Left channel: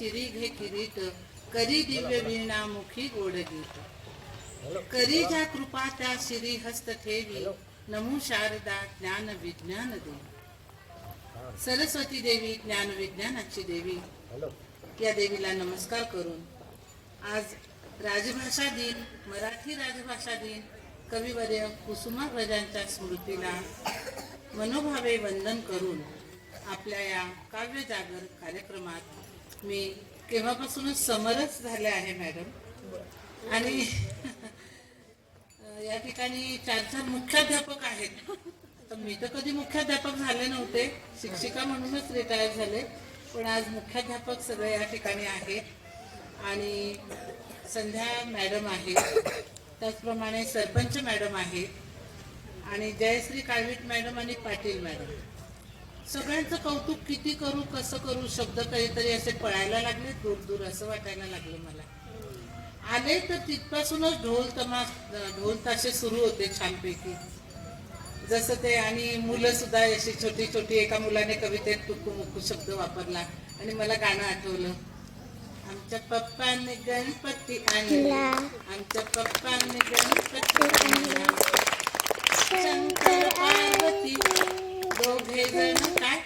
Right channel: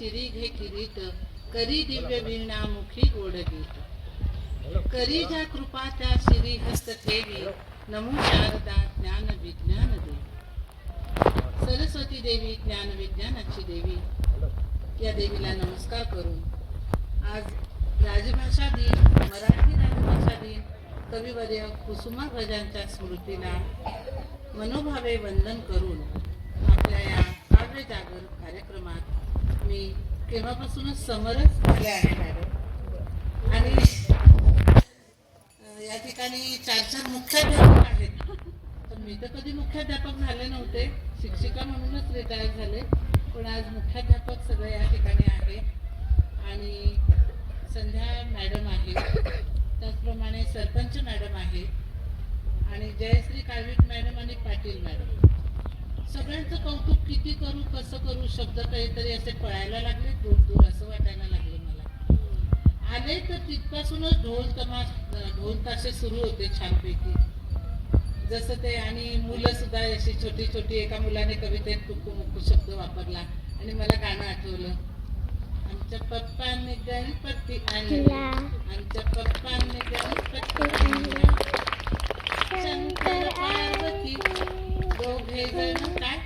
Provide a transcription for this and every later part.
शिरी घे किरीट, करी दिव्य वीणा मुखी गोड गीत. करी ज्या कृपा त्या शिरी हस्त ठेवी, नमो शारदा ज्ञान विज्ञान देवी. सरस्वती देवी ज्ञान विज्ञानाची देवी, या देवीला नमस्कार करून आज राजभाषा दिन, मराठी राजभाषा दिन, कविवर्य कुसुमाग्रजांच्या स्मृतीला मनोभावे वंदन करून आपल्या या काव्य जागर कार्यक्रमात मी केव्हापासूनच समरस झाले आहे मॅडम. आणि या ठिकाणी 4 मुख्याध्यापक आहेत. तर मी तर कधी मुख्याध्यापक झाले नव्हते, शिक्षिका म्हणूनच रिटायर झाले, पण आज मुख्याध्यापक सगळे या ठिकाणी आहेत. आणि संध्या मॅडम आहे, त्याचप्रमाणे सरपंच मॅडम आहे, आणि जयश्री काळवीट मॅडम आणि पाटील मॅडम. सगळ्यांचं कौतुक किती करू, कसं करू, शब्द काहीतरी असे पळायला लागले दूर दूर, असं वाटायला लागलं मला. आले तर तिथपासूनच ढोल ताशे सुरू होते छानपैकी, जसं ते. आणि मुलं सुद्धा अशी छोटी छोटी, एका मुलाने कवितेत टुकू मुकू शब्द वापरला आणि मला गाणं आठवलं. आमच्या पप्पाने गणपती आणला, आमच्या पप्पाने गणपती आणला, शंकर पार्वती दोघे जण काय,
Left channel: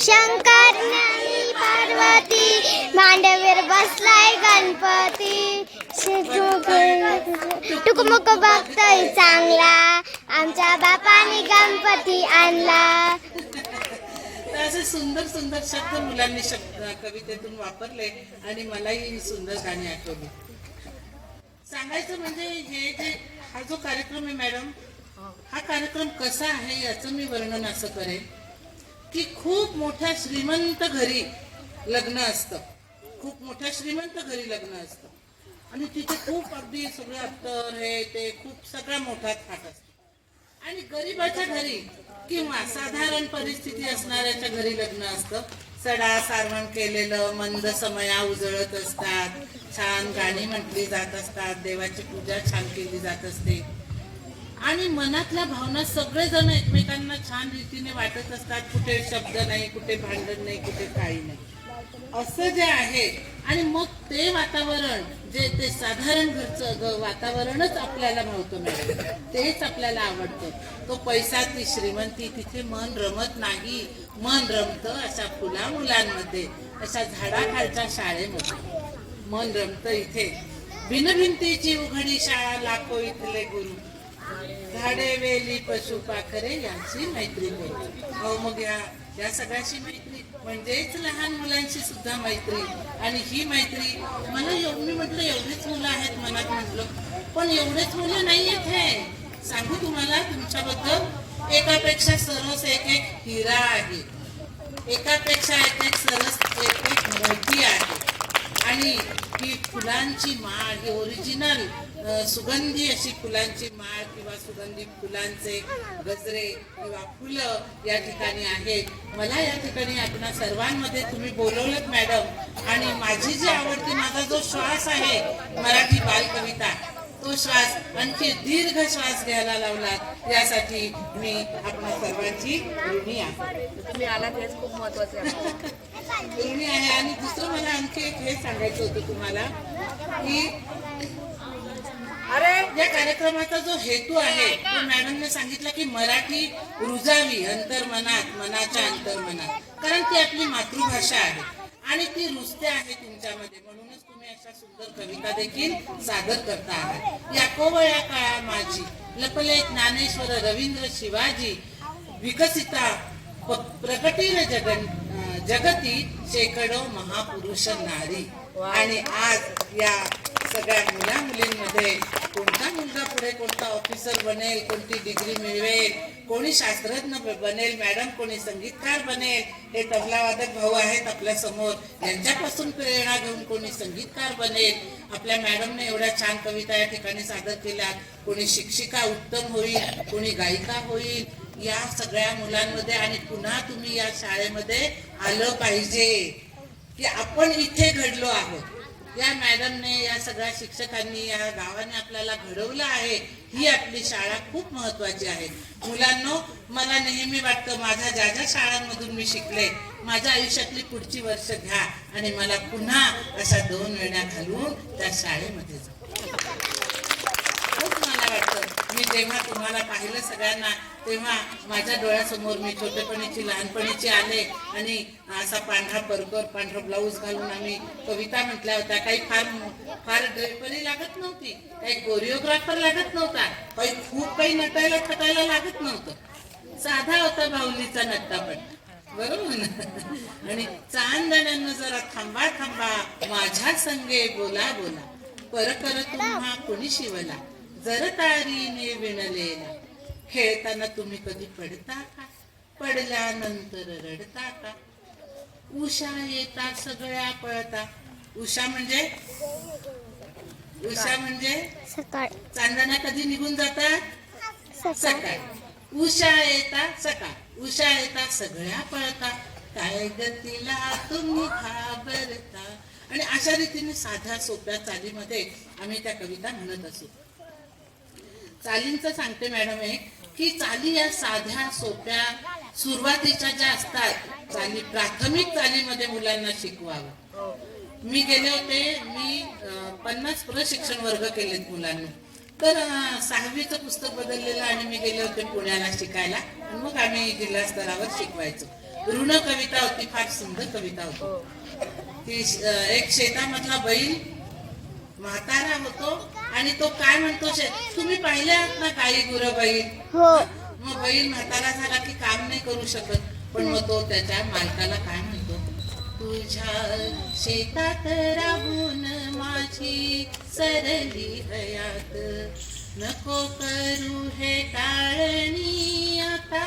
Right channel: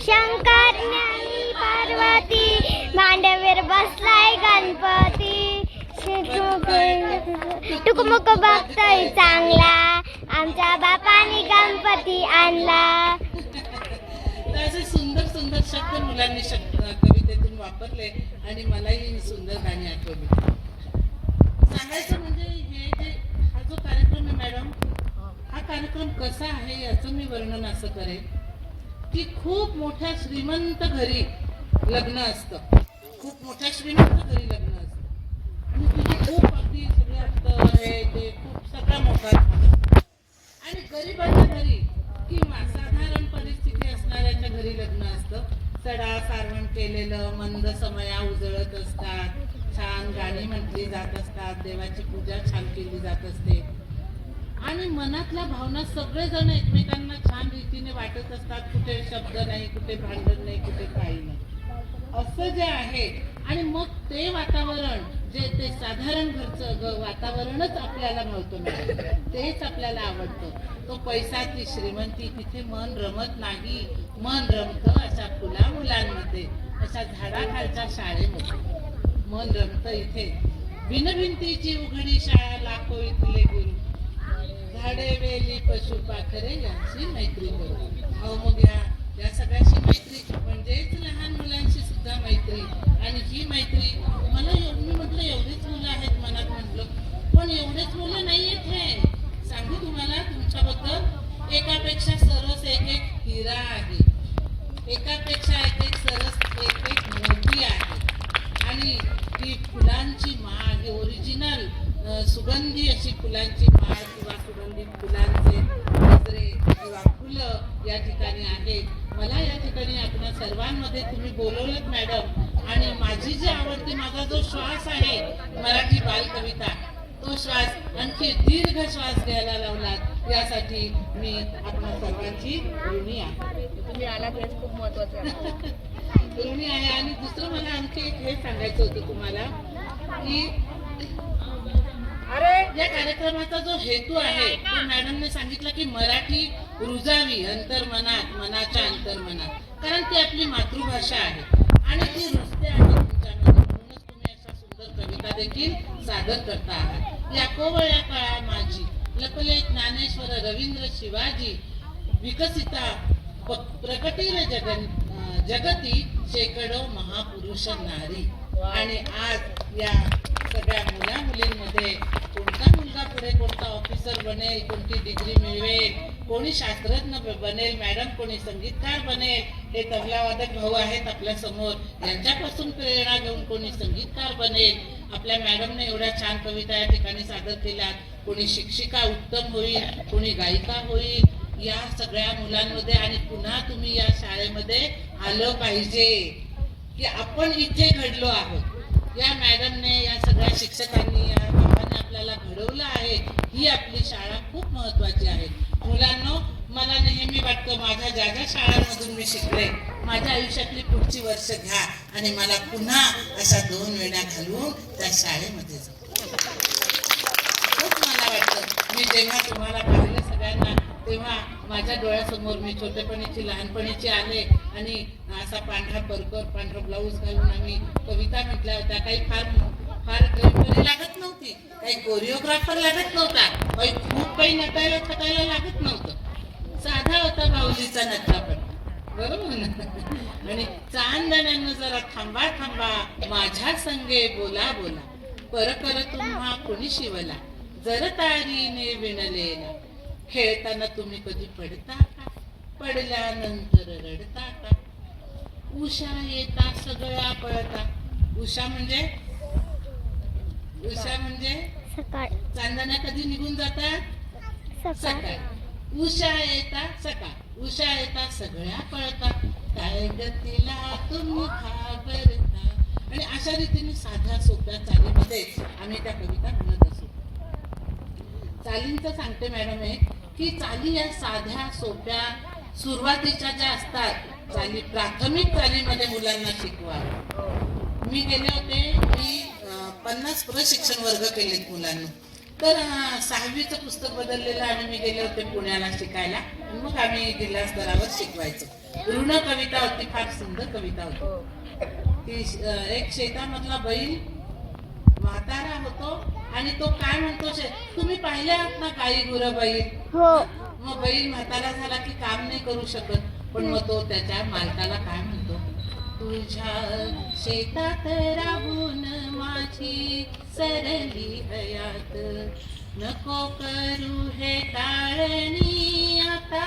शंकर आणि पार्वती मांडवीर बसलाय गणपती, टुकमुक बघतोय चांगला, आमच्या बापाने गणपती आणला. तर असे सुंदर सुंदर शब्द मुलांनी कवितेतून वापरले आणि मलाही सुंदर गाणी आठवली. सांगायचं म्हणजे हे जे हा जो कार्यक्रम आहे मॅडम, हा कार्यक्रम कसा आहे याचं मी वर्णन असं करेन की खूप मोठ्या श्रीमंत घरी लग्न असतं, खूप मोठ्या श्रीमंत घरी लग्न असतं, आणि तिथे खूप अगदी सगळे अत्तर हे ते खूप सगळा मोठा थाट असतो. आणि गरिबाच्या घरी किंवा साधारण परिस्थिती असणाऱ्याच्या घरी लग्न असतं. सडा सारवण केलेलं, मंद समया उजळत असतात, छान गाणी म्हटली जात असतात, देवाची पूजा छान केली जात असते, आणि मनातल्या भावना सगळेजण एकमेकांना छान रीतीने वाटत असतात. कुठे शब्द नाही, कुठे भांडण नाही, कुठे काही नाही, असं जे आहे. आणि मग ते वातावरण, जे ते साधारण घरचं वातावरणच आपल्याला भावतं मॅडम, तेच आपल्याला आवडतं. तो पैसा, ती श्रीमंती, तिथे मन रमत नाही. मन रमतं अशा फुला मुलांमध्ये, अशा झाडाखालच्या शाळेमध्ये मन रमतं. इथे भिनभिंतीची उघडी शाळा, लाखो इथले गुरु, झाडे वेली पशु पाखरे यांची मैत्री करू. अहो मग या सगळ्याशी मैत्री म्हणजेच लहान मुलांशी सुद्धा मैत्री. आणि ही मैत्री मला मी म्हटलं एवढेच मुलं आहेत मनात, म्हटलं पण एवढेच मुलं नाही आहेत. हे सांगू तुम्हाला तुमच्याबद्दल, एकापेक्षा सरस एक एक हिरा आहे, एकापेक्षा एक एक सरस एक एक मोती आहे. आणि ही फुलांची माळ, ही ओरिजिनल सुगंधी अशी फुलांची माळ किंवा सुगंधी फुलांचे गजरे किंवा फुलं या ठिकाणी आहेत. मला या ठिकाणी आपणा सर्वांमध्ये तुम्ही बोलवलंत मॅडम, आणि माझी जी आवडती, माझा जो श्वास आहे मराठी बालकविता, तो श्वास आणखी दीर्घ श्वास घ्यायला लावलात, यासाठी मी आपणा सर्वांची ऋणी आहे. तुम्ही आलात हेच खूप महत्वाचं आहे. ऋणी आहे. आणि दुसरं मला आणखी एक हे सांगायचं होतं तुम्हाला की या कार्यक्रमाचा जो हेतू आहे तो मॅडमने सांगितलं की मराठी रुजावी अंतर्मनात, मनाच्या अंतर्मनात, कारण ती आपली मातृभाषा आहे आणि ती रुजते आहे तुमच्यामध्ये. म्हणूनच तुम्ही अशा सुंदर कविता देखील सादर करता आहात. या कोवळ्या काळा माझी लपले ज्ञानेश्वर रवींद्र शिवाजी, विकसिता प्रकटील जगती शेकडो महापुरुष नारी. आणि आज या सगळ्या मुला मुलींमध्ये कोणता मुलगा पुढे कोणता ऑफिसर बनेल, कोणती डिग्री मिळवेल, कोणी शास्त्रज्ञ बनेल मॅडम, कोणी संगीतकार बनेल, हे तबलावादक भाऊ आहेत आपल्या समोर, यांच्यापासून प्रेरणा घेऊन कोणी संगीतकार बनेल. आपल्या मॅडमने एवढ्या छान कविता या ठिकाणी सादर केल्या. कोणी शिक्षिका उत्तम होईल, कोणी गायिका होईल. या सगळ्या मुलांमध्ये आणि पुन्हा तुम्ही या शाळेमध्ये आलं पाहिजे की आपण इथे घडलो आहोत. या मॅडमने, या सगळ्या शिक्षकांनी, या गावाने आपल्याला घडवलं आहे, ही आपली शाळा खूप महत्वाची आहे. मुलांनो, मला नेहमी वाटतं माझ्या ज्या ज्या शाळांमधून मी शिकले, माझ्या आयुष्यातली पुढची वर्ष घ्या आणि मला पुन्हा अशा 2 वेळा घालून त्या शाळेमध्ये जाऊ. खूप मला वाटतं, मी जेव्हा तुम्हाला पाहिलं सगळ्यांना, तेव्हा माझ्या डोळ्यासमोर मी छोटेपणीची लहानपणीची आले आणि असा पांढरा ब्लाऊज घालून आम्ही कविता म्हटल्या होत्या. काही फार ड्रेपरी लागत नव्हती, काही कोरिओग्राफर लागत नव्हता, काही नटायला थटायला लागत नव्हतं. साधा होता बाहुलीचा नटरापट, बरोबर ना. आणि चांदण्यांना जरा थांबा थांबा, माझ्या संगे बोला बोला, पर तुम्हा कोणी शिवला, जर तारीने विणलेला, खेळताना तुम्ही कधी पडता का, पडल्यानंतर रडता का, उषा येता सगळ्या पळता. उषा म्हणजे सकाळ. चांदण्या कधी निघून जातात? सकाळ. उषा येता सकाळ, उषा येता सगळ्या पळता, काय गतीला तुम्ही घाबरता. आणि अशा रीतीने साध्या सोप्या चालीमध्ये आम्ही त्या कविता म्हणत असू. चालींचं सांगते मॅडम एक, की चाली या साध्या सोप्या सुरुवातीच्या ज्या असतात चाली, प्राथमिक चालीमध्ये मुलांना शिकवावं. मी गेले होते, मी 50 प्रशिक्षण वर्ग केलेत मुलांना. तर 6वीचं पुस्तक बदललेलं आणि मी गेले होते पुण्याला शिकायला. मग आम्ही जिल्हा स्तरावर शिकवायचो. ऋण कविता होती, फार सुंदर कविता होती ती. एक शेतामधला बैल म्हातारा होतो आणि तो काय म्हणतो, तुम्ही पाहिले आहात ना गाई गुरं बैल? मग बैल म्हातारा झाला की काम नाही करू शकत, पण मग तो त्याच्या मालकाला काय म्हणतो, तुझ्या शेतात राबून माझी सरली हयात, नको करू हे टाळणी आता,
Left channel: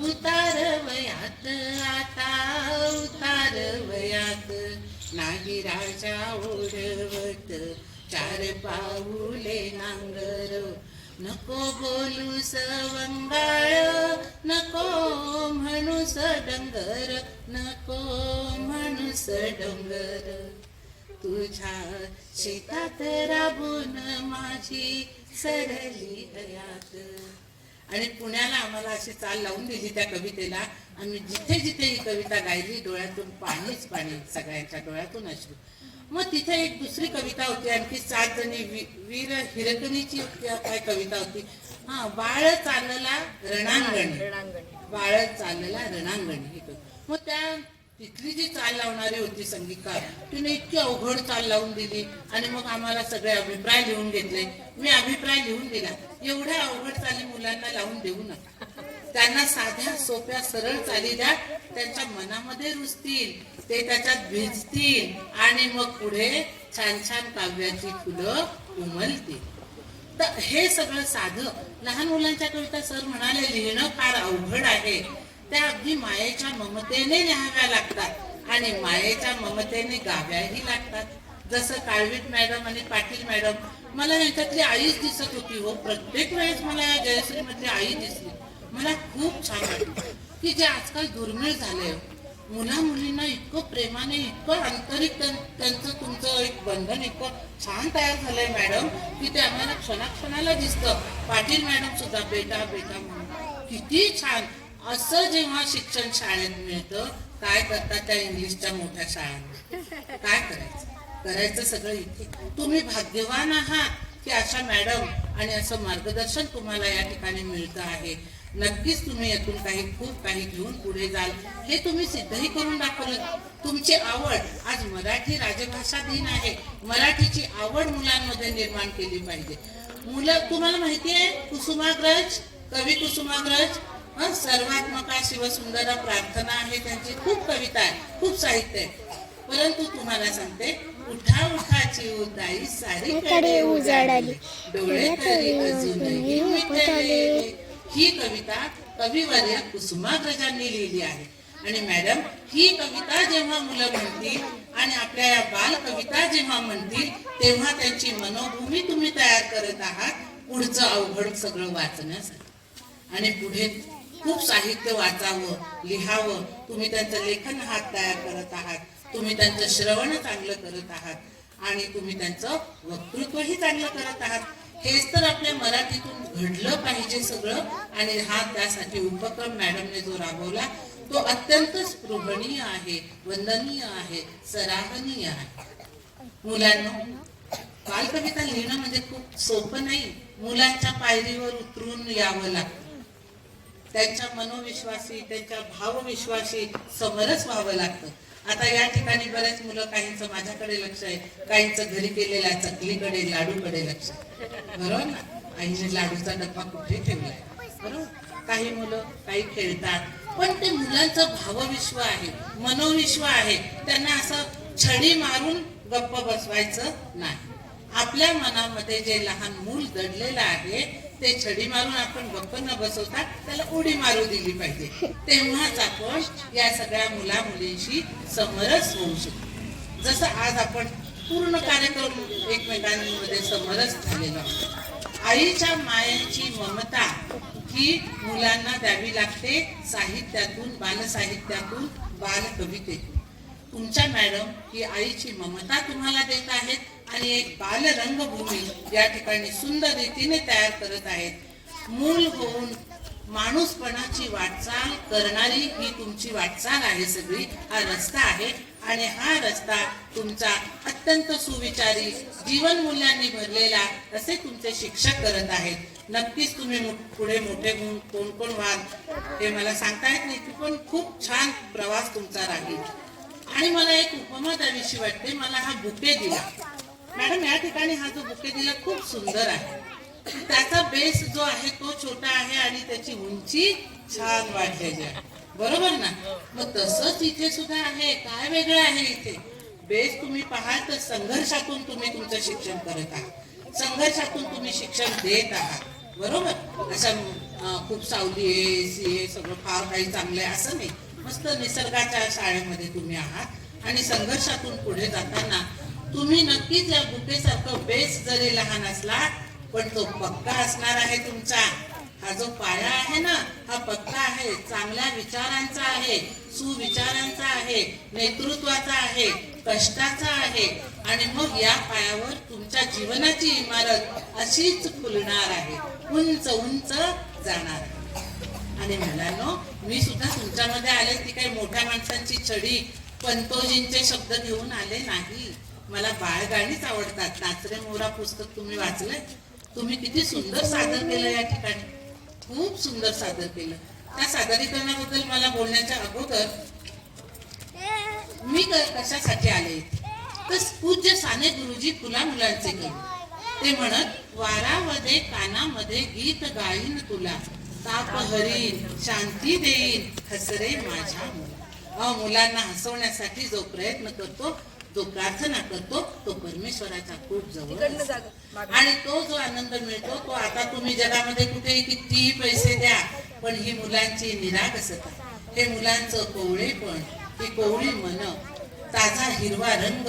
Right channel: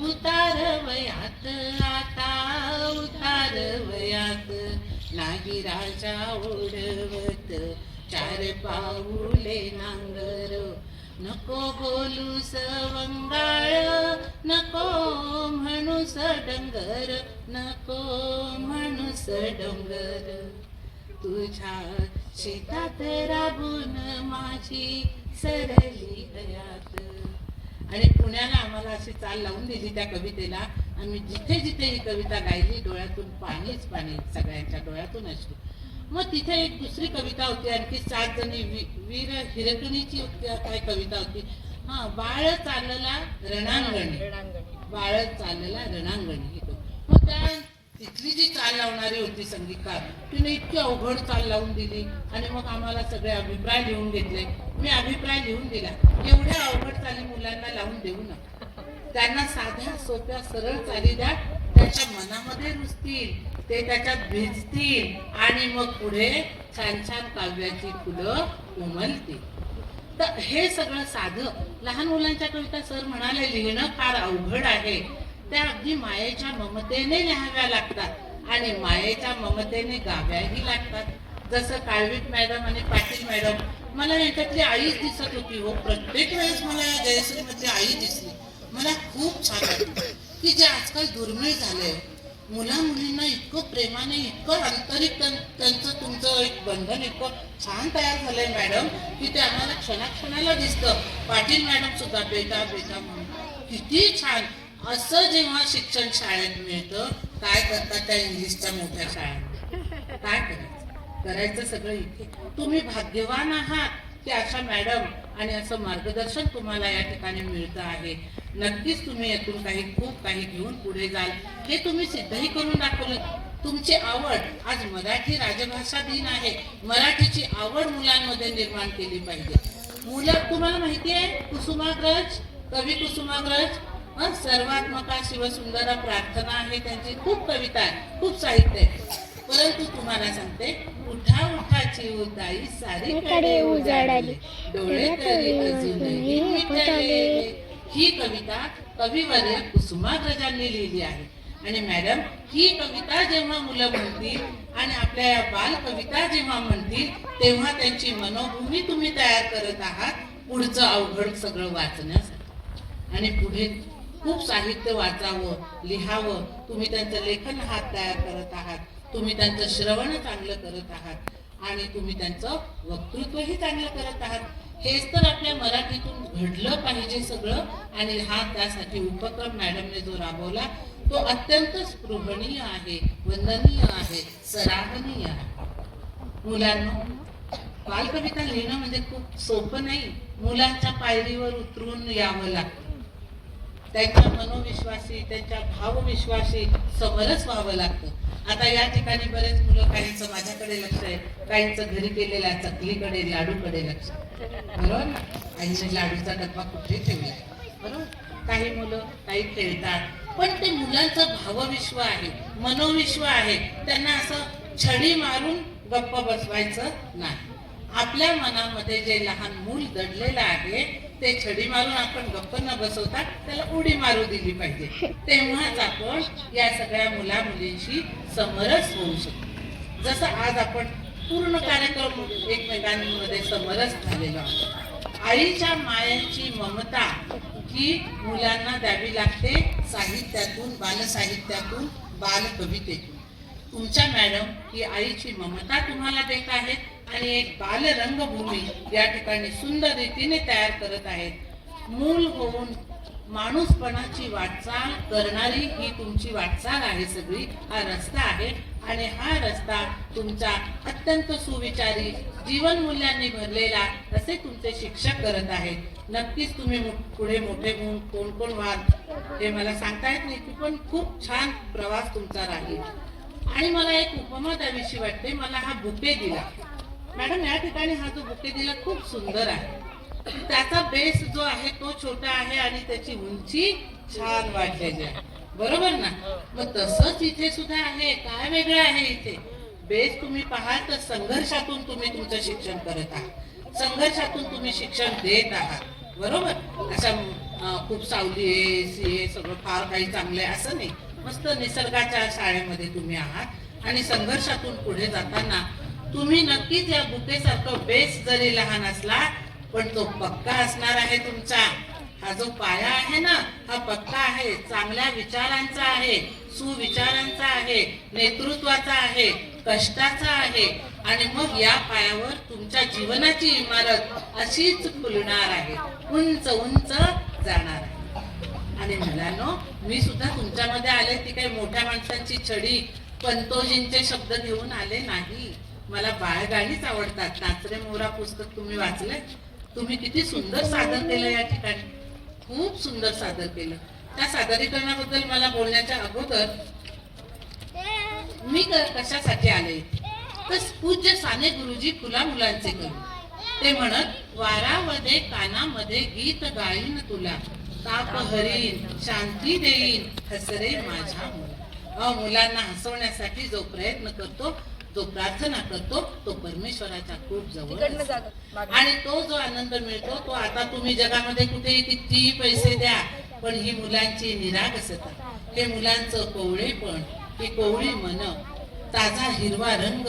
उतार वयात, आता उतार वयात, नाही राजा ओढवत 4 पाऊले नांगर, नको बोलू सवंगाळ, नको म्हणूस डंगर, नको म्हणूस डोंगर, तुझ्या शेतात राबून माझी सरली हयात. आणि पुण्याला आम्हाला अशी चाल लावून दिली त्या कवितेला. आम्ही जिथे जिथे ही कविता गायली, डोळ्यातून पाणीच पाणी, सगळ्यांच्या डोळ्यातून अश्रू. मग तिथे एक दुसरी कविता होती, आणखी 7 जणी, वीर हिरकणीची काय कविता होती. बाळ चालला रणांगणी, बाळ चालला रणांगणी. मग त्या तिथली जी चाल लावणारी होती संगीतकार, तिने इतकी अवघड चाल लावून दिली. आणि मग आम्हाला सगळे अभिप्राय लिहून घेतले. मी अभिप्राय लिहून दिला, एवढ्या अवघड चाली मुलांना लावून देऊ नका, त्यांना साध्या सोप्या सरळ चाली द्या, त्यांच्या मनामध्ये रुजतील, ते त्याच्यात भिजतील आणि मग पुढे छान छान काव्याची फुलं उमलतील. तर हे सगळं साधं. लहान मुलांच्या कविता सर म्हणाले लिहिणं फार अवघड आहे, त्या अगदी मायेच्या ममतेने लिहाव्या लागतात आणि मायेच्या ममतेने गाव्याही लागतात. जसं काळवीट मॅडम आणि पाटील मॅडम, मला यांच्यातली आईच दिसत होती हो. प्रत्येक वेळेस मला या जयश्री मधली आई दिसली. मला खूप छान वाटलं की जे आजकाल दुर्मिळ झालंय, मुला मुलींना इतकं प्रेमाने, इतकं आंतरिक त्यांचं तुमचं एक बंधन इतकं छान तयार झालंय मॅडम, की ते आम्हाला क्षणाक्षणाला दिसतं. पाटील मॅडम सुद्धा बेटा बेटा म्हणून किती छान. असं जेव्हा शिक्षण शाळेत मिळतं, काय करतात त्या इंग्लिशच्या मोठ्या शाळांमध्ये? काय करायचं सगळं इथे. तुम्ही भाग्यवान आहात की अशा मॅडम आणि असं मार्गदर्शन तुम्हाला या ठिकाणी मिळतं आहे. नक्कीच तुम्ही यातून खूप काही घेऊन पुढे जाल, हे तुम्ही सिद्धही करून दाखवलं. तुमची आवड, आज मराठी राजभाषा दिन आहे, मराठीची आवड मुलांमध्ये निर्माण केली पाहिजे. मुलं, तुम्हाला माहिती आहे कुसुमाग्रज, कवी कुसुमाग्रज, सर्वात्मका शिवसुंदर प्रार्थना आहे त्यांची. खूप कविता आहे, खूप साहित्य आहे. परंतु तुम्हाला सांगते, उठा उठाची उदाई सारीकडे उजाडली, डोळे तरी अजूनही मिटले. ही कविता कविवर्य कुसुमाग्रजांनी लिहिली आहे. आणि मॅडम, ही कविता जेव्हा मुलं म्हणतील आणि आपल्या या बाल कविता जेव्हा म्हणतील, तेव्हा त्यांची मनोभूमी तुम्ही तयार करत आहात पुढचं अवघड सगळं वाचण्यासाठी. आणि पुढे खूप साहित्य वाचावं, लिहावं. तुम्ही त्यांचं लेखन हात तयार करत आहात, तुम्ही त्यांचं श्रवण चांगलं करत आहात आणि तुम्ही त्यांचं वक्तृत्वही चांगलं करत आहात. हेच तर आपल्या मराठीतून घडलं पाहिजे सगळं. आणि हा त्यासाठी उपक्रम मॅडमने जो राबवला तो अत्यंत स्पृहणीय आहे, वंदनीय आहे, सराहनीय आहे. मुलांना बालकविता लिहिणं म्हणजे खूप सोपं नाही. मुलांच्या पायरीवर उतरून यावं लागतं. त्यांच्या मनोविश्वासी, त्यांच्या भावविश्वासी समरस व्हावं लागतं. आता या ठिकाणी बरेच मुलं, काहींचं माझ्याकडे लक्ष आहे, काहींचं घरी केलेल्या चकलीकडे, लाडूकडे लक्ष आहे. बरोबर ना? आईने लाडूचा डब्बा कुठे ठेवलाय, बरोबर? काही मुलं काही खेळतात, पण ते मुलांचं भावविश्व आहे, मनोविश्व आहे. त्यांना असं छडी मारून गप्प बसवायचं नाही. आपल्या मनामध्ये जे लहान मूल दडलेलं आहे ते छडी मारून आपण गप्प न बसवता त्याला उडी मारू दिली पाहिजे. तेव्हाच आपण या सगळ्या मुला मुलींशी समरस होऊ शकतो. जसं आज आपण पूर्ण कार्यक्रम एकमेकांमध्ये समरस झालेलो आहोत. आईच्या मायांची ममता ही मुलांना द्यावी लागते साहित्यातून, बालसाहित्यातून, बालकवितेतून. तुमच्या मॅडम ही आईची ममता तुम्हाला देत आहेत आणि एक बाल रंगभूमी या ठिकाणी सुंदर रीतीने तयार करत आहेत. मूल होऊन माणूसपणाची वाटचाल करणारी ही तुमची वाटचाल आहे सगळी, हा रस्ता आहे. आणि हा रस्ता तुमचा अत्यंत सुविचारी, जीवन मूल्यांनी भरलेला असे तुमचे शिक्षक करत आहेत. नक्कीच तुम्ही पुढे मोठे होऊन कोण कोण व्हाल हे मला सांगता येत नाही, पण खूप छान प्रवास तुमचा राहील. आणि मला एक उपमा द्यावीशी वाटते. मला हा बुके दिला मॅडम, या ठिकाणी हा जो बुके दिला खूप सुंदर आहे. त्याचा बेस जो आहे तो छोटा आहे आणि त्याची उंची छान वाढलेली आहे, बरोबर ना? मग तसंच इथे सुद्धा आहे. काय वेगळं आहे इथे? बेस तुम्ही पाहाल तर संघर्षातून तुम्ही तुमचं शिक्षण करत आहात, संघर्षातून तुम्ही शिक्षण देत आहात, बरोबर? अशा खूप सावली आहे, सीए सगळं फार काही चांगलं आहे असं नाही. मस्त निसर्गाच्या शाळेमध्ये तुम्ही आहात आणि संघर्षातून पुढे जाताना तुम्ही नक्कीच या बुकेसारखं बेस जरी लहान असला पण तो पक्का असणार आहे तुमचा. हा जो पाया आहे ना हा पक्का आहे, चांगल्या विचारांचा आहे, सुविचारांचा आहे, नेतृत्वाचा आहे, कष्टाचा आहे. आणि मग या पायावर तुमच्या जीवनाची इमारत अशीच फुलणार आहे, उंच उंच जाणार आहे. आणि मुलांनो, मी सुद्धा तुमच्यामध्ये आले ती काही मोठ्या माणसांची छडी, पंतोजींचे शब्द घेऊन आले नाही. मला बाळगाणीच आवडतात. नाचरे मोरा पुस्तक तुम्ही वाचलंय? तुम्ही किती सुंदर सादर केलं या ठिकाणी, खूप सुंदर सादर केलं. त्या सादरीकरणाबद्दल मला बोलण्याच्या अगोदर मी कशासाठी आले तर पूज्य साने गुरुजी फुला मुलांचे कवी. ते म्हणत, वारामध्ये कानामध्ये गीत गाईन तुला, ताप हरीन शांती देईन हसरे माझ्या मुला. मुलांना हसवण्यासाठी जो प्रयत्न करतो, जो प्रार्थना करतो, तो परमेश्वराच्या खूप जवळ आणि तो जो आनंद मिळतो तो आता तुम्ही जगामध्ये कुठेही कितीही पैसे द्या पण ही मुलांची निरागसता, हे मुलांचं कोवळेपण, ही कोवळी मन, ताजा हिरवा रंग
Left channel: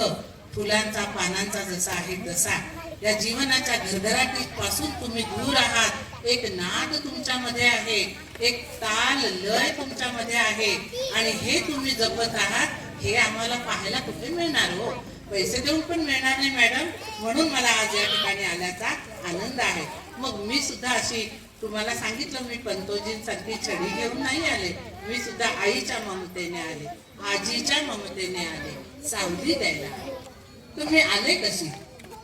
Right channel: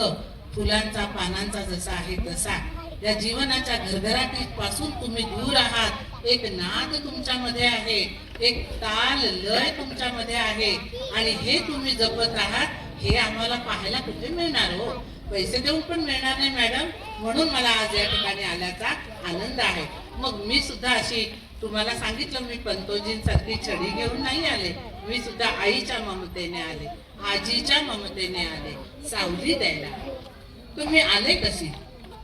फुलांचा पानांचा जसा आहे तसा, या जीवनाच्या घरघराटी पासून तुम्ही दूर आहात. एक नाद तुमच्यामध्ये आहे, एक ताल लय तुमच्यामध्ये आहे आणि हे तुम्ही जपत आहात. हे आम्हाला पाहायला कुठे मिळणार हो, पैसे देऊन पण मिळणार नाही मॅडम. म्हणून मला आज या ठिकाणी आल्याचा आनंद आहे. मग मी सुद्धा अशी तुम्हाला सांगितलं, मी पंतोजींसारखी छडी घेऊन नाही आले. मी सुद्धा आईच्या ममतेने आले, आजीच्या ममतेने आले, सावली द्यायला. तुम्ही आले कशी?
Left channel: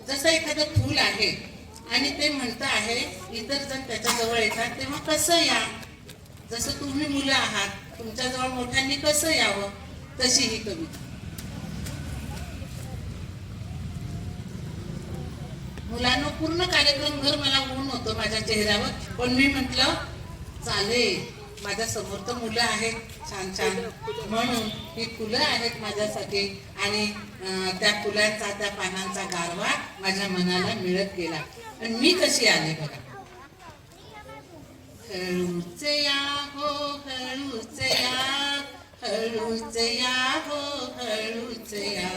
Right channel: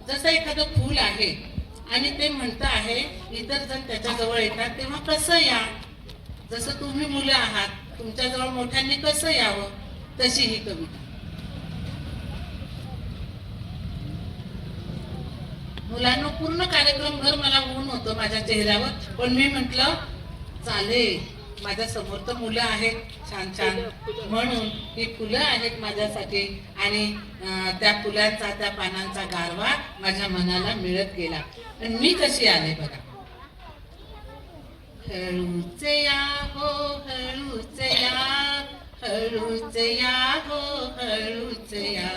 जसं एखादं फूल आहे आणि ते म्हणतं आहे इतर जण त्याच्याजवळ येतात तेव्हा कसं या, जसं तुम्ही मुलं आहात तुमच्याजवळ मोठ्यांनी कसं यावं, तशी ही कविता. मुलांना पूर्ण कार्यक्रम भर मला ऊन होतं माझ्या चेहऱ्यावर, पण मी म्हटलं चालेल, माझ्या समोर तर मुलं आहेत छान छान, म्हणून ही फुलं आहेत माझ्यासाठी. आणि त्या फुलांचा, त्या पानांचा गारवा माझ्या मनाला मिळत गेला. आणि मी कशी आले बघा. हळूच या हो हळूच या, हळूच या हो हळूच या,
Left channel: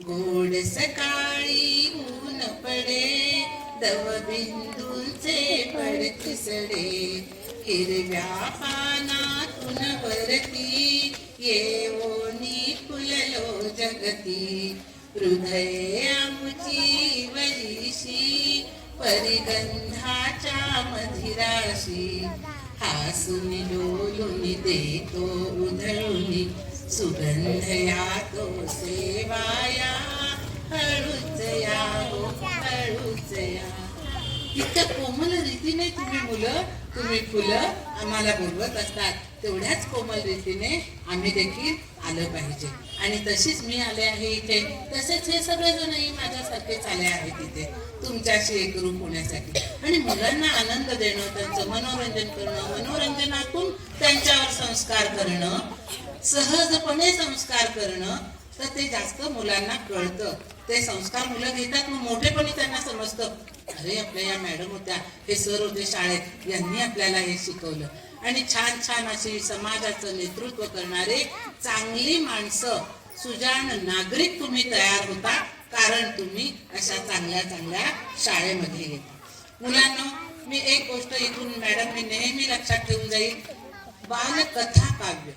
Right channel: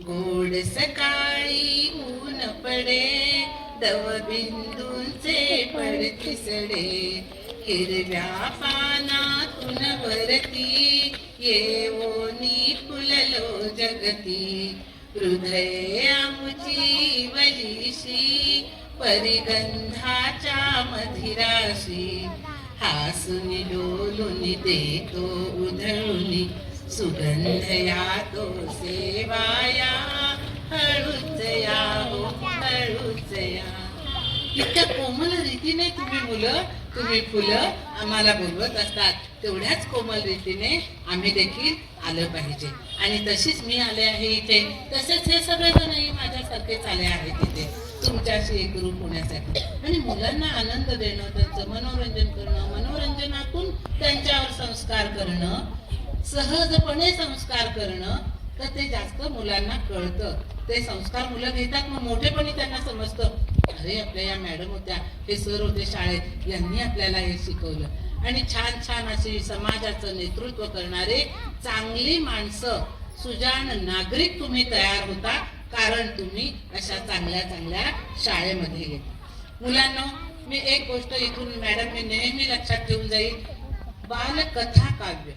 गोड सकाळी ऊन पडे, दवबिंदूंचे पडतिसडे, हिरव्या पानातून वरती येवोनी फुललो जगती, हृदय आमुची वलीशी परिगंधाच्या मधिराशी हासुनी डोलुनी देतो उधळुनी सुगंध यातो सेवाया हळूच या हो हळूच या. इतक्या कोमल रीतीने तुम्ही फुलं आम्हाला बोलवत असतात. तेवढ्याच कोमल रीतीने आम्ही देखील आलं पाहिजे. आणि तशीच मी आले आहे इथे, तसेच हे सगळेजणही माझ्यासारखेच आले आहेत इथे तुमच्याशी एकरूप होण्यासाठी आणि मुलांना आनंद देणं, त्यांचं मनोरंजन करणं, मनोरंजनातून त्यांच्यावर संस्कार करणं, सहजपणे संस्कार करणं, तर ते जास्त मुलांना कळतं. ते संस्कार मुलं घेतात, मग मोठेपणी त्यांना समजतं, अरे आपल्या या मॅडम होत्या, हे सर होते शाळेत, यांनी आपल्याला हे शिकवलं. आणि छान छान अशी समाजाचं नेतृत्व करणारे चांगली माणसं, सुजाण नागरिक तुम्ही तयार होता, कारण तुम्ही अशा चांगल्या चांगल्या शाळेमध्ये येता. मुलांना मी एक गोष्ट इथून मॅडम मी नेहमी लक्षात ठेवून जाईल, बालकथा काव्य,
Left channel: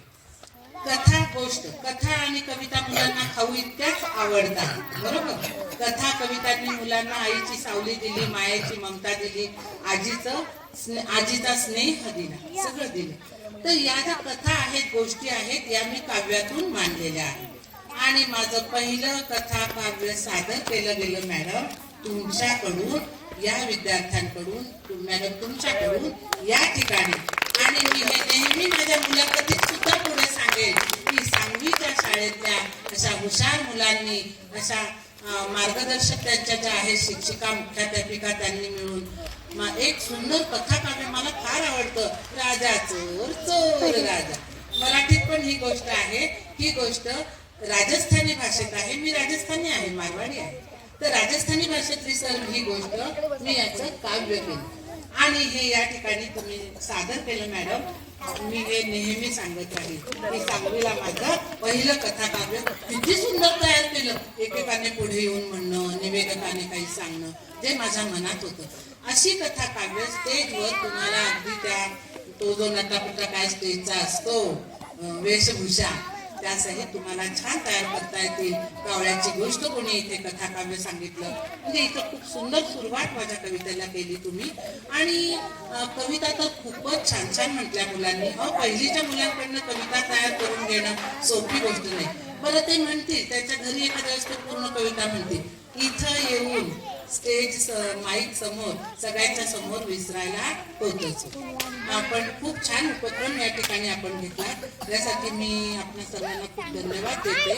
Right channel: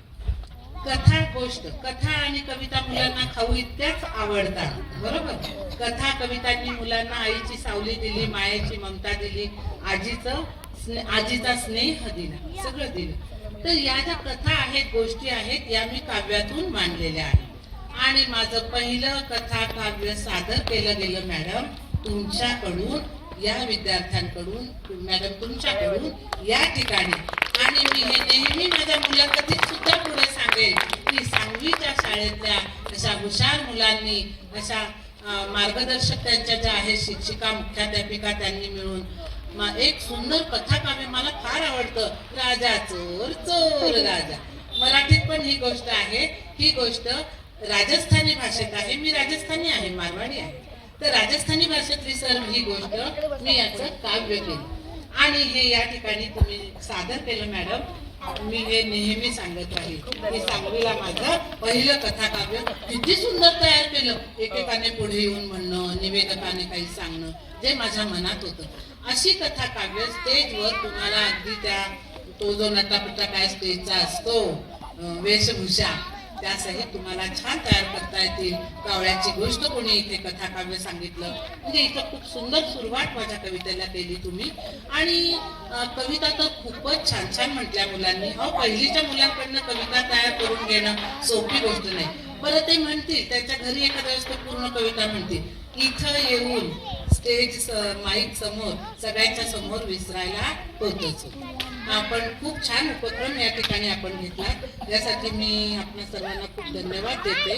कथा गोष्ट, कथा आणि कविता मुलांना खाऊ इतक्याच आवडतात, बरोबर. कथा कवितांनी मुलांना आईची सावली दिली, मायेची ममता दिली, आजीचा स्नेह दिला, सगळं दिलं. तर या ज्या कथा आहेत, गोष्टी आहेत, या मी काव्यातून मांडलेल्या आहेत. आणि माझं पहिलं कथा काव्य सादर केलं गेलं मॅडम तुमच्याकडून, या विद्यार्थ्यांकडून, मॅडम तुमच्याकडून या ठिकाणी. आणि मी हे नेहमी माझ्या मुलाखतीत सुद्धा पुढे सांगेन की सांगवीच्या शाळेतल्या अशा हुशार मुलांनी, अशा मार्गदर्शक त्यांच्या ज्या आहेत, शिक्षिका मुख्याध्यापिका, त्यांनी मिळून एक सुंदर कथा काव्य मला फार आवडतं, राजा चोर चोर राजा. मराठीत पण ही गोष्ट आहे. ही गोष्ट राजस्थानी भाषेत आहे. मी राजस्थानी आहे, मारवाडी आहे. तर राजस्थानी भाषेतली सर ही गोष्ट मी याचं काव्य केलं आणि हे या ठिकाणी तुम्ही सादर केलं मॅडम. मी हे नेहमी सांगत राहील की सांगवीला माझं पहिलं कथा काव्य किती सुंदर तयार केलं. एकेकाने पुढे येऊन म्हणणं, निवेदकाने काही सांगणं, जे माझ्या मनात होतं. अशी कथा काव्य स्टेजवर तुम्हाला अगदी तो जो नटापटा काय स्टेजचा असतो, वेशभूषा, त्यासहित तुम्हाला छान तयार करता येतील. कावळ्याची गोष्ट कोणी इथे कथा काव्य सांगितलं, म्हणजे इथं खूप सुंदर सुरुवात माझ्या कवितेला केली तुम्ही. आणि कविता तर खूपच छान छान म्हटल्या मुलांनी. पहिलीच्या मुलांकडनं कविता तयार करून घेणं सोपी गोष्ट नाही. बरं, ते म्हणतील त्यांच्या घरी एखाद्या वेळेस ते पूर्ण कविता म्हणतील, इथं येऊन स्टेज माईक समोर सगळ्यांच्या समोर विसरायला होतच. आपण खूप छान उपक्रम या ठिकाणी आपण घेतला, यासाठी मी आपल्या सर्वांना खूप धन्यवाद देते.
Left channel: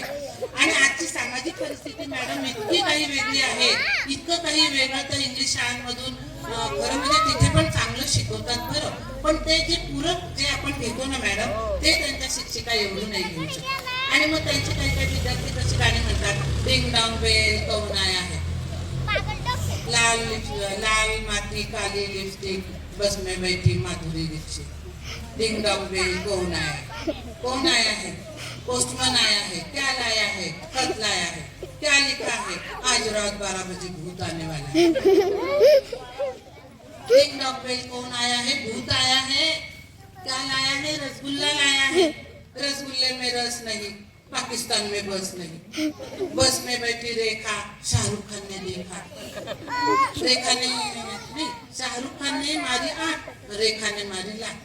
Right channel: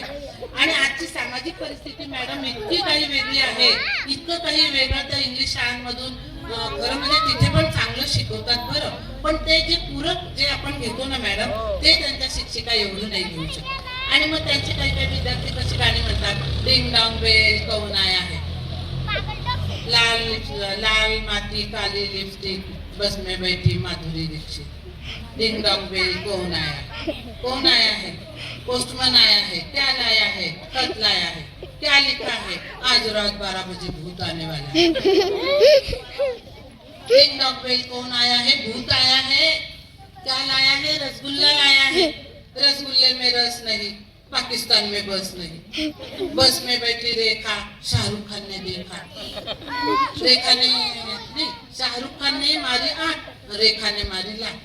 आणि आजची सामाजिक परिस्थिती मॅडम इतकी काही वेगळी आहे, इतकं काही वेगळं. तर इंग्लिश शाळांमधून खरं म्हणजे तिथे पण चांगलं शिकवतात बरं, पण ते जे पूरक जे आपण घेतो ना मॅडम, ते त्यांच्या शिक्षिका एवढं नाही घेऊ शकत. आणि मग त्यांचे काही काही विद्यार्थी कशी गाणी म्हणतात, डिंग डॉंग बेल कौन आया है, लाल माती काली लिपस्टिक, बस में बैठी Madhuri Dixit, ding dong bell कौन आया है, पोस्टमैन आया है, क्या लाया है, खत लाया है, क्या लिखा है, आज रात 12 बजे भूत आने वाला है. डिंग डॉंग बेल कौन आया है, भूत आया है, क्या लाया है, रसगुल्ला लाया है, रसगुल्ले में रस नहीं, पाकिस्तान में बस नहीं, बस में बैठी रेखा, शाहरुख खान ने देखा, रेखा ने नहीं, शाहरुख खान ने मारी 8, रेखा ने मारी लाख.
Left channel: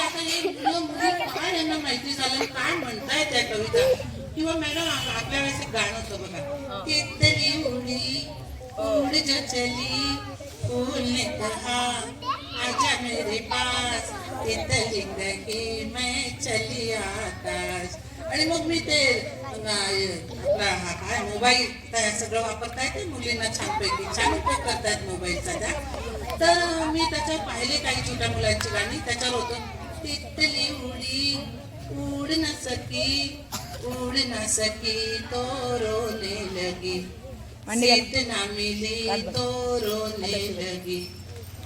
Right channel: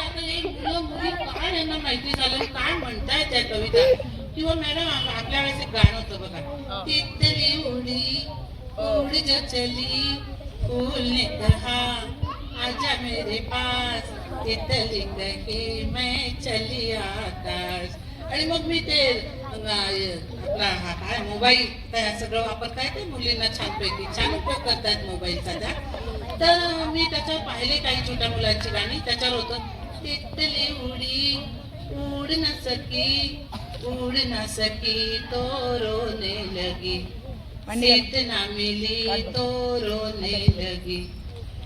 आता हे मुलं मुली काय यांना माहिती झालं, काय म्हणताय त्या कविता. किंवा मॅडम आपल्या वेळेस एक गाणं होतं बघा, तितली उडी उड जो चली, फूल ने कहा आजा मेरे पास, तितली कही मैं चली आकाश. आणि मग मी ते आपला हा काय मोबाईल त्या सगळं वापरता येते मुलींना, छानपैकी छान उपयोग करतात मोबाईलचा त्या. तर मी त्याच्यावर पाहिले काही छोट्या मुलांची गाणी, त्याच्यावर होतं, तितली उडी उड न सकी तो रोने लगी, सीट ना मिली तो रोने लगी,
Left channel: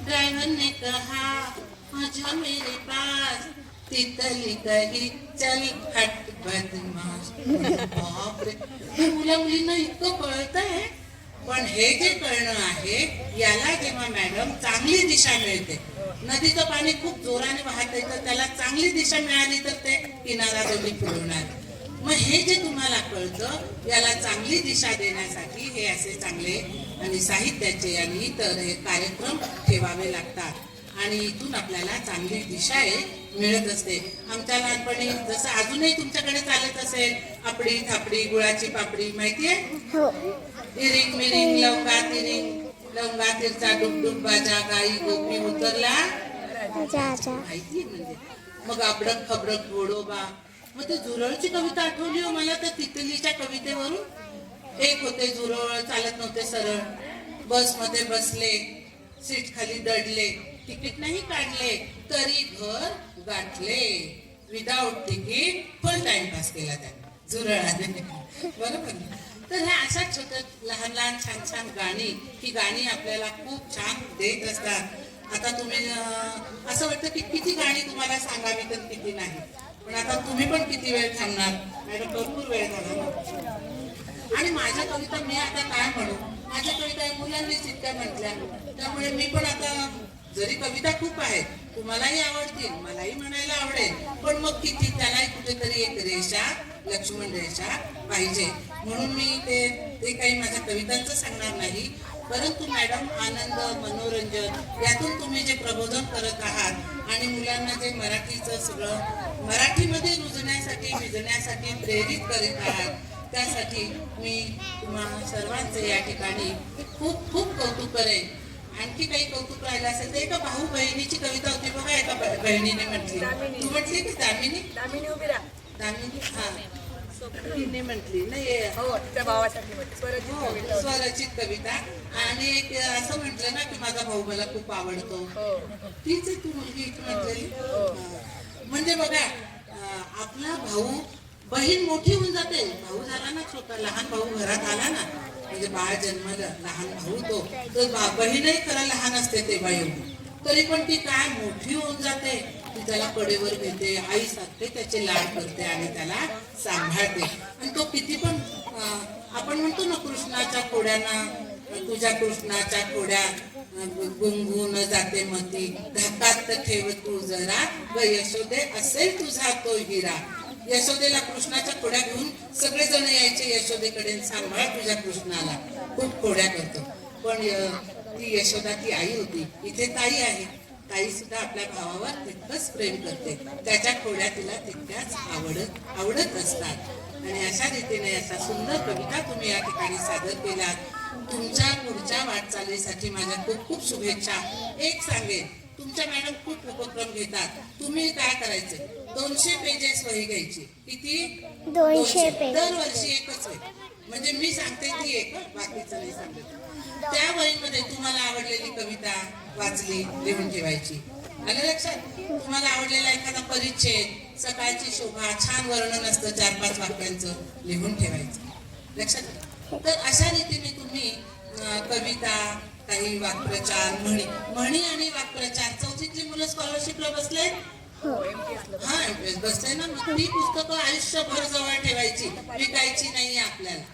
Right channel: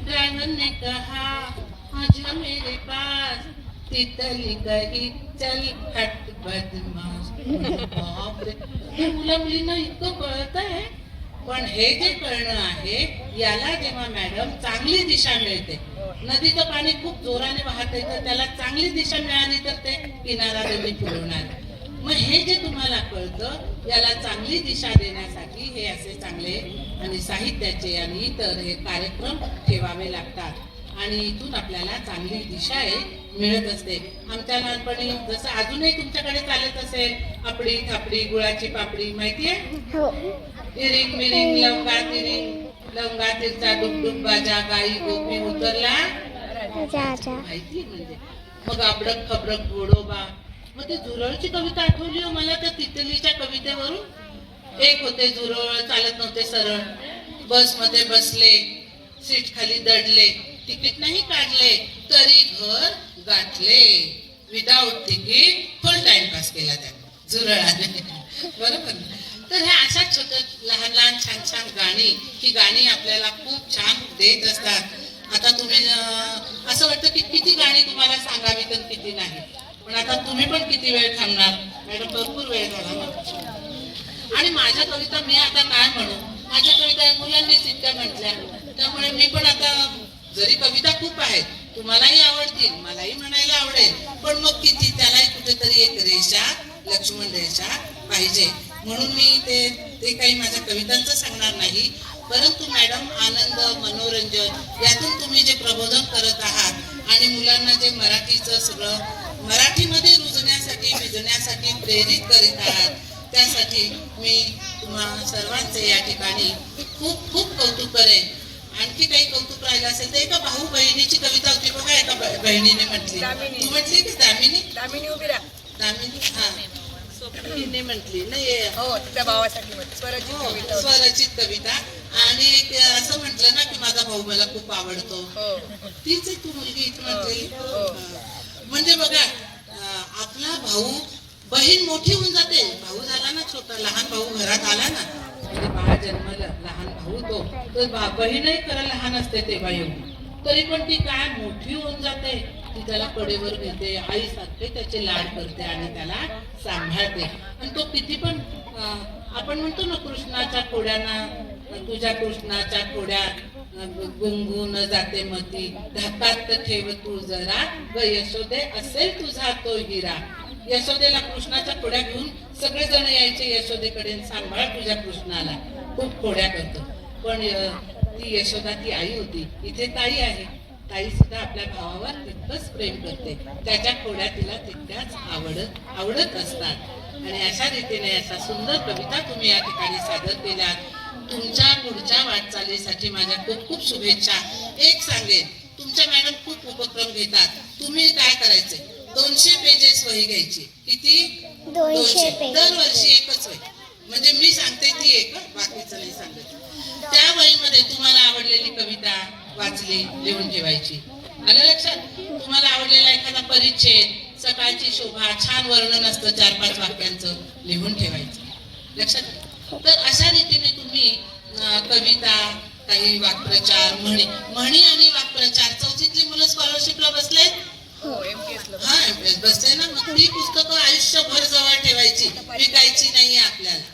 ड्राइवर ने कहा आजा मेरे पास, तितली कही चल हट बदमाश. बापरे, मुला मुलींना इतकं कळत आहे. पण हे जे कळणं आहे, याला जेव्हा मॅडम चांगली दिशा मिळते, नदीचं पाणी खूप जोराने वाहत तर त्याला चांगली दिशा मिळाली तर ते किनारा दोन्ही फिरवणार. मग हे जे तुम्हाला कळतं याला चांगली दिशा देण्यासाठी हे असे चांगले आणि साहित्याचे आणि इतर हे कार्यक्रम ठेवावे लागतात आणि इथून आपल्याला चांगली दिशा मिळत असते. आमच्या लहानपणी जसं अजूनही तुमच्याकडे चालत असेल आपडी थापडी गुळाची पापडी माहितीये, हो. इरिंग मिरिंग लवंगा तिरिंग लवंगा तिरचा डुबडुब बाजा गाई गोपी उतरला माहिती म्हणजे. मग अबडक खबडक घोडोबा. मग ते झुरळची कविता आठवली हो मला त्या तितलीच्या कवितेवरून. एक होते झुरळ चालत नव्हते सरळ, बस मध्ये बसले सीट खाली दडले, तिकीट नाही काढले तरी घर गाठले, विदाऊट तिकीट फुल टाइमपास केला त्याने झुरळाने. बरोबर ना? तर ह्या अशा छोट्या लहान लहान छान छान गाणी, ही गाणी आपल्याला खूप छान देत असतात. आता तुम्ही असं वाटतं की किती गाणी तुम्हाला सांगावी तर किती नाही, पण आता तुम्ही पण किती वेळ थांबणार मॅडम, भरपूर वेळ झाला ना. आणि माझ्या कविता मी आता काय म्हणू, माझ्या कविता मुलांनीच इतक्या म्हटल्या, त्यामुळे मी पण आता जरी कविता खूप आहेत तुम्हालाही आवडतील मलाही म्हणायला आवडेल, पण मग किती त्यालाही कुठेतरी एक रेषा लक्ष्मण रेषा पाहिजे, म्हणून मी ते काही माझ्या कवितांचं सांगणार नाही. परंतु मॅडम आनंद मनोरंजन यातून तुम्ही जे प्रबोधन करत आहात आणि मुलांना जे मराठीचं सगळं मराठीमध्ये रुजण्यासाठी भिजण्यासाठी प्रेरित करीत आहात, त्यासाठी मी तुम्हा सर्वांचे या ठिकाणी खूप खूप कौतुक करेन. आणखी काही कौतुक राहिलं असेल तर एका भाऊ बहिणीची कविता होती बघा, एका बहिणीने म्हटली, तू म्हटली की दामिनी उभी राहा. दामिनी हा स्वप्नीने म्हटली नाही हो, तिच्या भावासाठी म्हटली स्वरचित कविता होती. स्वरचित कविता. आणि एक असं म्हटलं ना की माझा भाऊ मला खूप आवडतो, हो. तीच तू मुलगी इथं म्हटलेली. म्हणजे बघा आपला भाऊ बहीण मोठी होऊन जाते, भाऊ झाला ना छोटा, लहान भाऊ घरात आला ना म्हणजे बाळ जन्मलं लहान भाऊ तो, तर बहीणही खरं लहान असते तेव्हा एवढी, तरी पण ती काय मोठी होऊन जाते, ती त्याला कडेवर घेते, आई सारखे त्याचे लाड करते आणि त्याला सांभाळते. आणि तो किती पण आपण म्हणतो ना कृष्णाच्या खोड्यांना, तुझ्या कृष्णाच्या खोड्या गुंगून जाते मती, धाकात ठेव तू जरा ग यशोदे असेल तुझा तो हिरा. यशोदेला कृष्णाच्या खोड्या घेऊन सगळेजण यायचे यशोदेकडे, सांभाळ तुझ्या कृष्णाला, खूप खोड्या करतो. पण ती यशोदा ती आई होती, इथे ताई आहे, ताई सुद्धा आपल्या भावावर तितकंच प्रेम करते, त्याच्या खोड्या तिला तितक्याच आवडत असतात. आणि अशा रीतीने अशा सुंदर कविता तुम्ही या ठिकाणी सादर केल्यात. तुमच्या पुढच्या वाटचालीसाठी माझ्या खूप खूप शुभेच्छा. एक सांगेन, तुमच्या मॅडम खूप उपक्रम घेतात, तुम्ही काय करायचे 200 पेजेस वही घ्यायची. किती? 200 पेज. दरवर्षी एकच वही, म्हणजे मी सांगते ती एक, बाकीचं नाही सांगत. त्या वहीमध्ये तुम्हाला आवडलेली कविता वाचली लिहून ठेवायची. आलं लक्षात? तुम्हाला आवडलेला एखादा परिच्छेद, सकाळची शोभा, छान वर्णन असतं 4-5 वाक्यांचं, लिहून ठेवायचं. लक्षात? तर अशा रीतीने तुम्ही कविता, काही वाक्प्रचार, म्हणी आणि वाक्प्रचार, 4थीतली मुलं स्कॉलरशिपला बसले, हो, MTS ला. हा MTS बसले ना, मग ती पुस्तकं आयुष्यभर जवळ ठेवायची, विकायची नाहीये आपल्याला.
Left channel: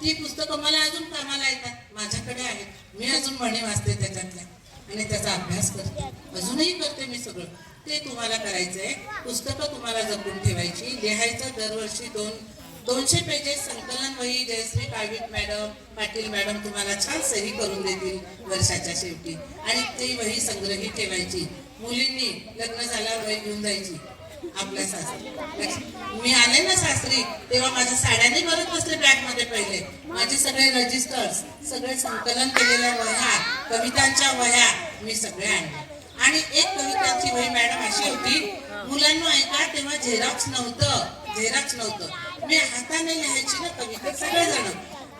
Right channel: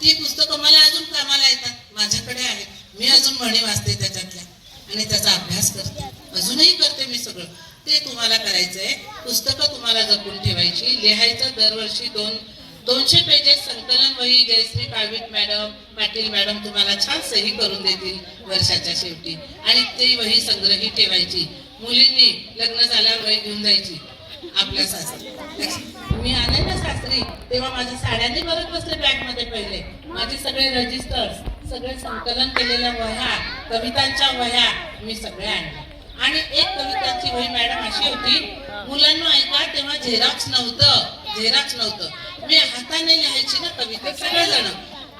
ती पुस्तकं मला अजून कामाला येतात, माझ्याकडे आहेत, मी अजून म्हणी वाचते त्याच्यातल्या आणि त्याचा अभ्यास करते, अजूनही करते मी सगळं. ते तुम्हाला करायचंय, पुस्तकं तुम्हाला जपून ठेवायची, लिहायचं दरवर्षी 200 पेजेस संकलन वही जयश्री काळवीट मॅडम, पाटील मॅडम तुम्हाला छान सही करून देतील वर्षाच्या शेवटी, आणि ती वही संग्रही ठेवायची. मुलींनी लग्न झाल्यावर वही घेऊन जायची आपल्या सासरी. मी आले ना सासरी तेव्हा माझ्या साड्यांनी भरत बसते बॅग मध्ये, पहिले माझे सगळे रजिस्टर्स, सगळे संकलन केलेल्या वह्या, कवितांच्या वह्या मी सगळ्या आणल्या. आणि एक कवितांची वही मॅडम अशी होती, मुलांना ऐका तेव्हा झेरॉक्स नव्हतं, मी हाताने लिहायची ना कविता सगळेजण,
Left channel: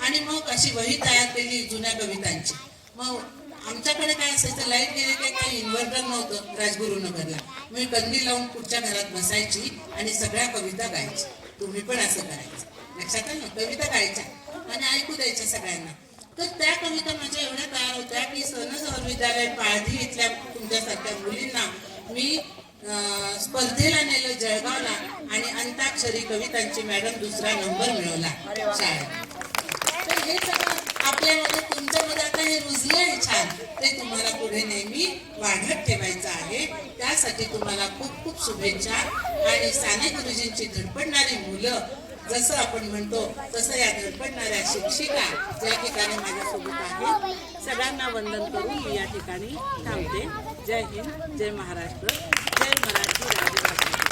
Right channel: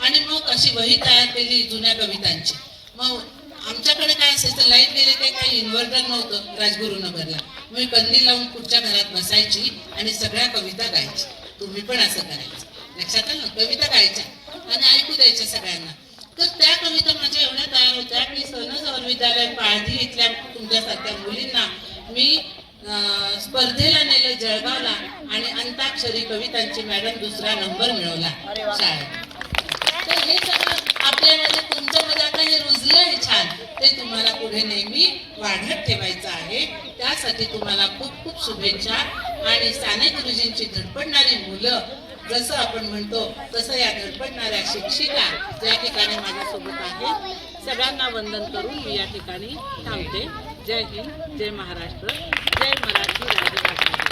आणि मग अशी वही तयार केली जुन्या कवितांची. मग आमच्याकडे काय असायचं, लाईट गेले काही इन्व्हर्टर नव्हतं राजगुरुनगरला, मी कंदी लावून पुढच्या घरात बसायची आणि सगळ्या कविता गायची. तुम्ही पण असं करायचं, लक्षात आलं ना? कविता गायच्या आणि ऐकू द्यायच्या सगळ्यांना. तर त्या कविता माझ्या एवढ्या तयार होत्या की सहनसवर विद्यालय पाळधी इथल्या तुमच्यासारख्या मुलींना मी स्पर्धेला नेलं जळगावला, आणि अंताक्षरी कवितांची मॅडम 2रा नंबर मिळवला शाळेत. तर हे सगळं आपल्यामध्ये तुमच्यामध्ये आता हे रुजलंय छान, ते तुम्हाला पुढे नेहमी वाढत ठेवायचं आहे. त्यासाठी तुम्हाला खूप खूप शुभेच्छा. आणि साने गुरुजींची धडपडणारी मुलं जसं आपण म्हणतो तसं या धडपडणाऱ्या शिक्षिका ज्या ठिकाणी माझ्यासोबत आहेत सगळ्यांना वंदन करून मी या ठिकाणी थांबते. जय हिंद, जय महाराष्ट्र, जय मराठी राजभाषा.